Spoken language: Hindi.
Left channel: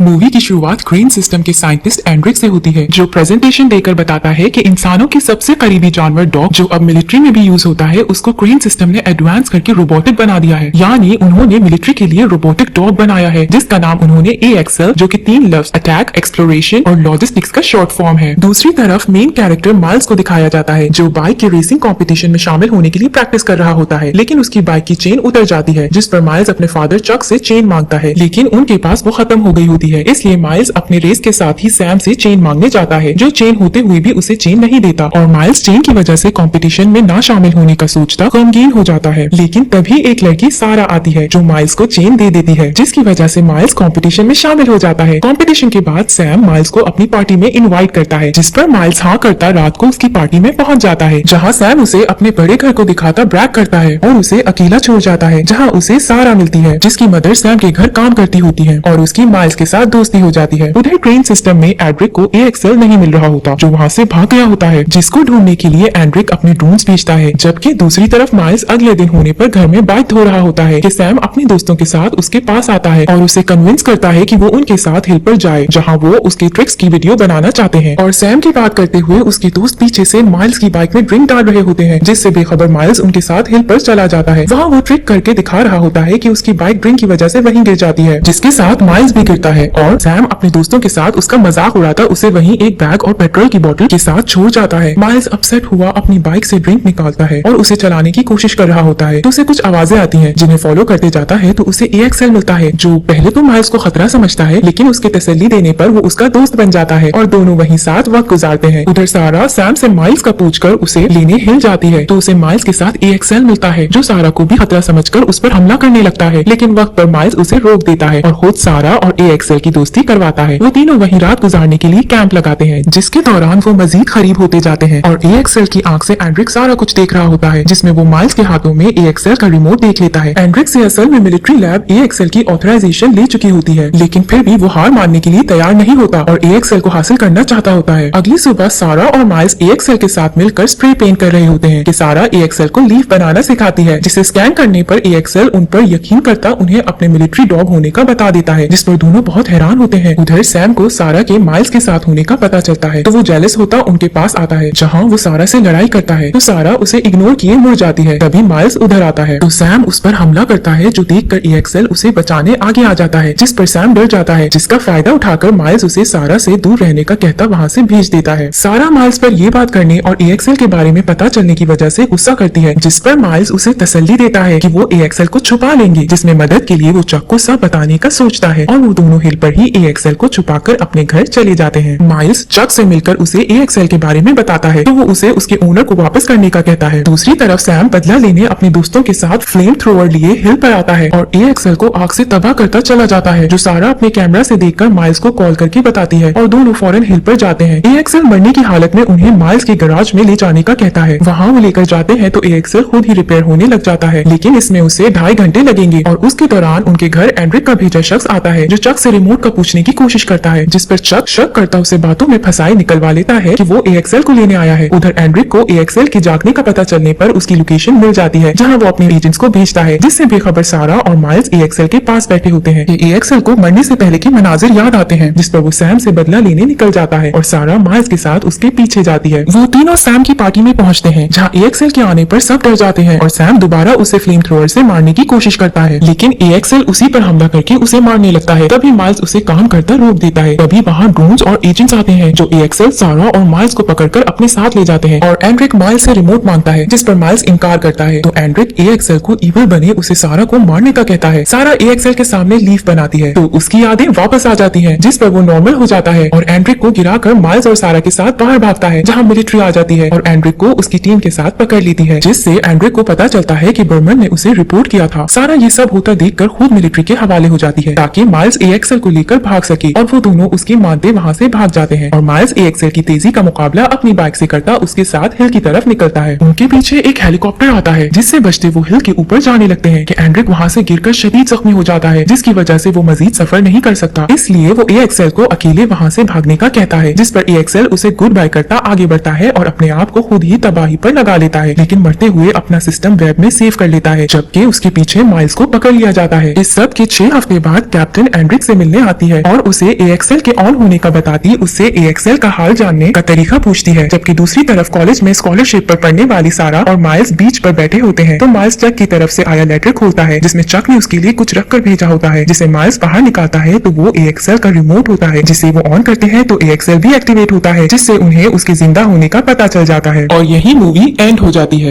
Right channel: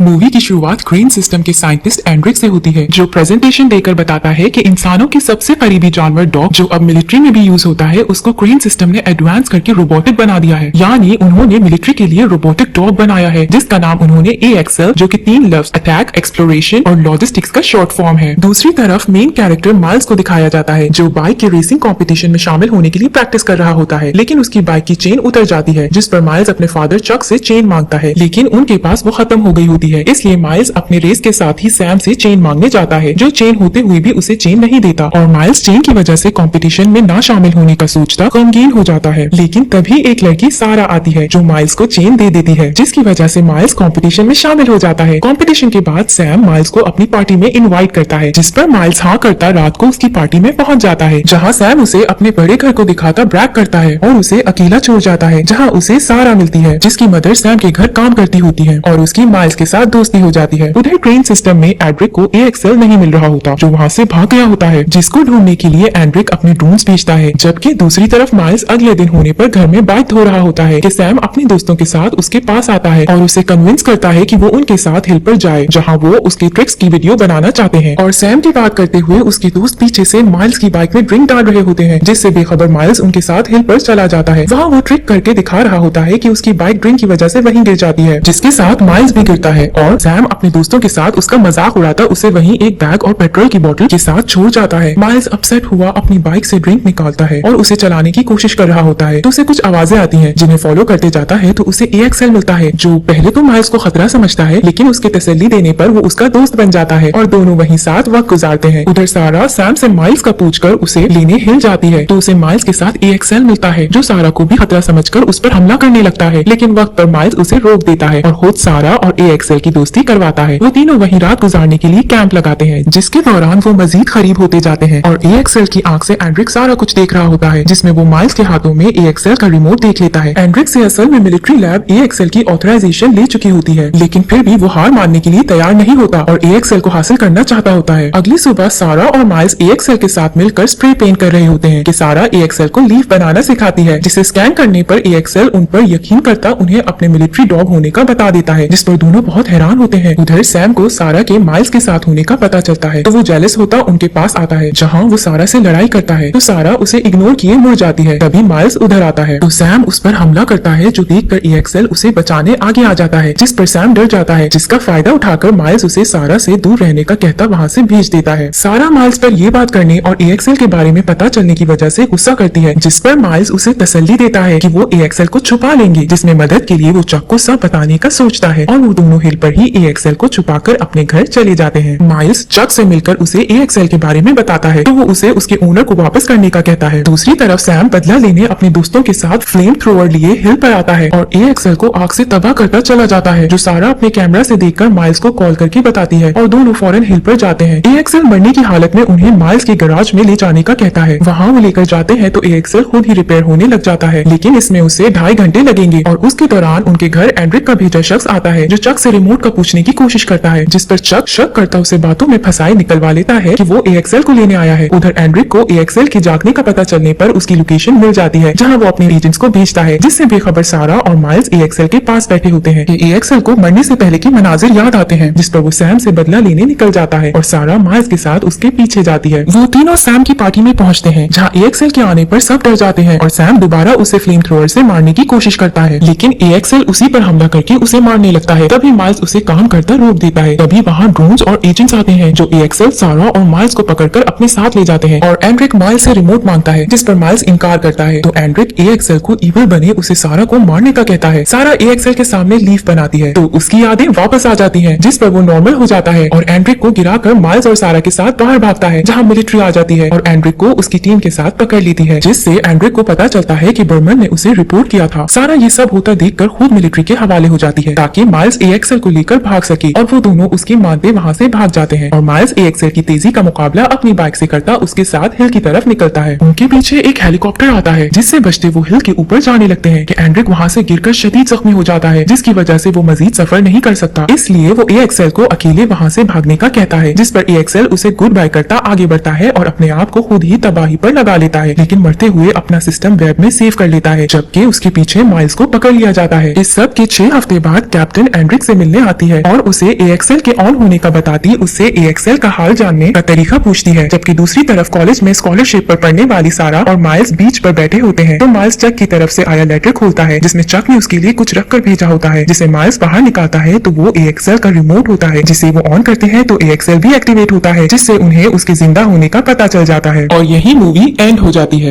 मूवी की शुरुआत क्रेन सिस्टम के साइंटिस्ट एंड्रिक से होती है, जो प्रेजेंटेशन देकर बताता है कि इंसानों के सबसे करीबी जानवर डॉग, जो अब मिलिट्री में भी यूज होता है, उसको क्रेन सिस्टम ने एडवांस करके रोबोटिक बना दिया है। यानी उन्होंने मिलिट्री के लिए रोबोटिक डॉग बनाया है, जिसका नाम उन्होंने AXL, जो कि 3 लफ्ज अटैक, एक्सप्लोरेशन और लॉजिस्टिक्स का शॉर्ट फॉर्म है। दूसरी तरफ मेन कैरेक्टर माइल्स को दिखाया जाता है, जो बाइक के रेसिंग कॉम्पिटिशन में शामिल होने के लिए प्रैक्टिस कर रहा होता है, लेकिन उसकी बाइक की चेन उतर जाती है, जिस पर माइल्स अपने फादर चक से चेन मांगता है, लेकिन उनके पास वो खत्म हो गई होती है। इसलिए माइल्स अपने रेस के साथ ही सैम से चेन मांगने जाता है, जो चेन होते हुए भी उसे चेन नहीं देता, और माइल्स चेन की वजह से कंपटीशन में ना शामिल होने का सोचता गमगीन हो जाता है। लेकिन तभी एक लड़की सारा आती है, जो माइल्स को चेन दे देती है, जिसकी वजह से माइल्स कंपटीशन में शामिल हो जाता है। कंपटीशन के बाद सैम माइल्स को अपनी पार्टी में इनवाइट करता है, जिस पर माइल्स हाँ करता रात को उसकी पार्टी में पहुंच जाता है, जहाँ सैम उसे अपने बड़े घर को दिखाकर ब्रैग करता है और उसे अकेला छोड़ जाता है, जहाँ उसे सारा मिलती है, जिसकी मदर सैम के घर काम करती होती है और उसकी माइल्स के साथ दोस्ती हो जाती है। उधर ट्रेन सिस्टम में एंड्रिक को AXL नहीं मिल रहा होता, जो वहाँ से भाग गया होता है, जिसको ढूंढने के लिए एंड्रिक अपने ड्रोन्स भेजता है। जबकि दूसरी तरफ माइल्स अगले दिन होने पर घर में बाइक धो रहा होता है कि सैम अपने दोस्तों के साथ उसके पास आता है और उसे कन्विंस करता है कि वो उनके साथ हिल पर जाए, जहाँ वो उसकी ट्रिक्स की वीडियो बनाना चाहते हैं। और सैम की बात करते हुए उसके दोस्त पीछे से माइल्स की बाइक में ड्रिंक डाल रहे होते हैं, जिससे बेखबर माइल्स उनके साथ हिल पर चला जाता है। वहाँ वो ट्रिक करके दिखा रहा होता है कि उसकी बाइक ड्रिंक की वजह से वहीं गिर जाती है, जिसके साथ माइल्स भी गिरता है और सैम अपने दोस्तों के साथ उसका मजाक उड़ाकर उसे वहीं एक बैग और पेट्रोल की बोतल के साथ छोड़ जाता है। माइल्स अपसेट हुआ अपनी बाइक से ड्रिंक निकालता है और उसे चलाने की कोशिश कर रहा होता है, तो उसे कुछ आवाजें आती हैं, जिन्हें फॉलो करते जाता है तो उसे AXL मिलता है, जो पहले तो माइल्स को खतरा समझता है, लेकिन उसके तसल्ली देने पर वो उसका दोस्त बन जाता है और दोनों वहीं साथ वक्त गुजारते हैं। उधर सारा सैम से माइल्स का पूछकर उसे लेने हिल जाती है, तो उसे माइल्स के साथ AXL मिलता है, जो सारा को भी खतरा समझकर उस पर हमला करने लगता है, लेकिन वक्त पर माइल्स उसे रोक देता है और खुद सारा और AXL की दोस्ती करवाता है। वो तीनों वहीं रात गुजारने के लिए कैंप लगाते हैं, जिसके दौरान वो मजीद करीब होते जाते हैं और AXL की आंख से एंड्रिक सारा कुछ देख रहा होता है, जिसमें वो माइल्स के हाथों में AXL का रिमोट देख लेता है। एंड्रिक से असल में मिलिट्री लैब AXL की ऑथराइजेशन ले चुकी होती है, लेकिन फिर भी वो हार मानने के लिए तैयार नहीं होता और AXL को हासिल करना चाहता होता है। अगली सुबह सारा और माइल्स AXL के साथ मिलकर स्प्रे पेंट कर रहे होते हैं कि सारा AXL को लीफ बनाना सिखाती है, जिसे स्कैन करने पर AXL उन पर यकीन करता उन्हें अपने मिलिट्री डॉग होने का बता देता है, जिस पर दोनों बहुत हैरान होते हैं। उधर सैम को सारा के माइल्स के साथ होने का पता चलता है, तो वो जेलस होता उनके पास आता है, जहाँ वो सारा से लड़ाई करता है, तो सारा उसे इग्नोर किए मुड़ जाती है। तभी माइल्स उधर आता है, तो सैम उस पर हमला करता है, जो देखकर AXL उसे बचाने आगे आ जाता है, जिस पर सैम डर जाता है, जिसका फायदा उठाकर माइल्स उसे सारा से दूर रहने का कहता वहाँ से भेज देता है। सारा माइल्स पर ये बात करने और AXL के बारे में पता चलने की वजह से गुस्सा करती है, जिस पर माइल्स उसे तसल्ली देता है कि वो AXL को छुपा लेंगे, जिसमें मदद के लिए वो चक को सब बताने का सोचता है और वो दोनों हिल पर ही AXL को छुपाकर अपने घर चले जाते हैं। माइल्स चक से मिलकर उसे AXL के बारे में बताता है, तो वो उसे उसके ओनर को वापस करने का कहता है। दूसरी तरफ सैम बदला लेने अपने दोस्तों के साथ फ्लेम थ्रोअर लिए हिल पर आता है और AXL को आग से तबाह करता चला जाता है, जो सारा अपने कैमरा से देखकर माइल्स को कॉल करके बताती है और दोनों फौरन हिल पर जाते हैं। AXL मरने की हालत में उन्हें माइल्स के गैराज में ले जाने का कहता है। वहाँ वो लेकर जाते हैं तो AXL खुद ही रिपेयर होने लग जाता है, लेकिन इसमें उसे 2.5 घंटे लगेंगे और उसके दौरान उनके घर एंड्रिक का भेजा शख्स आता है, जो चक से रिमोट का पूछने की कोशिश करता है, जिस पर चक शक करता उसे बातों में फंसाए निकलवा लेता है कि वो AXL को लेने आया है। उधर एंड्रिक को AXL की जागने का पता चलने पर उसकी लोकेशन मिल जाती है, जहाँ वो अपने एजेंट्स को भेजता है, जिससे बेखबर सारा और माइल्स AXL के पास बैठे होते हैं। AXL को मरने से पहले के मनाजिर याद आते हैं, जिस पर वो सैम से बदला लेने निकल जाता है और सारा माइल्स के साथ उसके पीछे जाती है। वो तीनों सैम की पार्टी में पहुंचते हैं, जहाँ AXL के आने पर सब डर जाते हैं और सैम दोबारा उसे फ्लेम थ्रोअर से मारने की कोशिश करता है, लेकिन AXL उसी पर हमला करके उसे मारने लगता है। तभी माइल्स उसे काम करते रोक देता है। तभी वहाँ ड्रोन्स और एजेंट्स आते हैं, जो AXL, सारा और माइल्स को पकड़कर अपने साथ ले जाते हैं और एंड्रिक माइल्स से रिमोट मांगता है, जिस पर माइल्स इनकार करता है, तो एंड्रिक AXL को इविल बने उसे सारा को मारने का कहता है। सारा AXL के सामने लीफ बनाती है, तो उसकी यादें वापस आ जाती हैं, जिस पर वो नॉर्मल हो जाता है और एंड्रिक को गिराकर माइल्स और सारा के साथ बाहर भागता है, जहाँ मिलिट्री आ जाती है और एंड्रिक को उसकी टीम के साथ पकड़ लेती है, जिससे एंड्रिक को पता चलता है कि बर्मन ने उसे रिपोर्ट किया था। सारा ये सब होता देखकर खुद मिलिट्री के हवाले हो जाती है, ताकि माइल्स AXL को लेकर भाग सके और वो दोनों उसकी मानते वहाँ से भाग जाते हैं और माइल्स AXL की तेजी का मुकाबला अपनी बाइक से करता उसके साथ हिल की तरफ निकलता है। उनके पीछे एक हेलीकॉप्टर आता है, जिससे बचते वो हिल के ऊपर जाने लगते हैं कि एंड्रिक वहाँ से गिरकर शदीद जख्मी हो जाता है, जिसकी वजह से वो मजीद सफर नहीं कर सकता। इसलिए वो AXL को अकेले वहाँ से भागने का कहता है, जिस पर AXL उसे गुड बाय करता आगे बढ़ता है और अपने आप को खुद ही तबाही पर लगा लेता है, लेकिन मरते हुए अपना सिस्टम वेब में सेव कर लेता है, जबकि उसके पीछे माइल्स को पकड़ लिया जाता है। इस सब के 6 हफ्ते बाद कैप्टन एंड्रिक से मिलने मिलने आती है और उसे AXL के ऑन होने का बताती उससे AXL का हाल जानने का तरीका पूछती है। जबकि दूसरी तरफ कॉलेज में स्कॉलरशिप पर पढ़ने वाली सारा और माइल्स बीच पर बैठे होते हैं तो माइल्स चक की तरफ से आया लेटर खोलता है जिसमें चक ने उसके लिए कुछ रख कर भेजा होता है, जिसे माइल्स बाहर निकालता है तो वो AXL का रिमोट होता है, जिसे वो ऑन करते हैं तो AXL भी एक्टिवेट होता है, जिससे उन्हें उसके जिंदा होने का पता चल जाता है और यही मूवी एंड हो जाती है।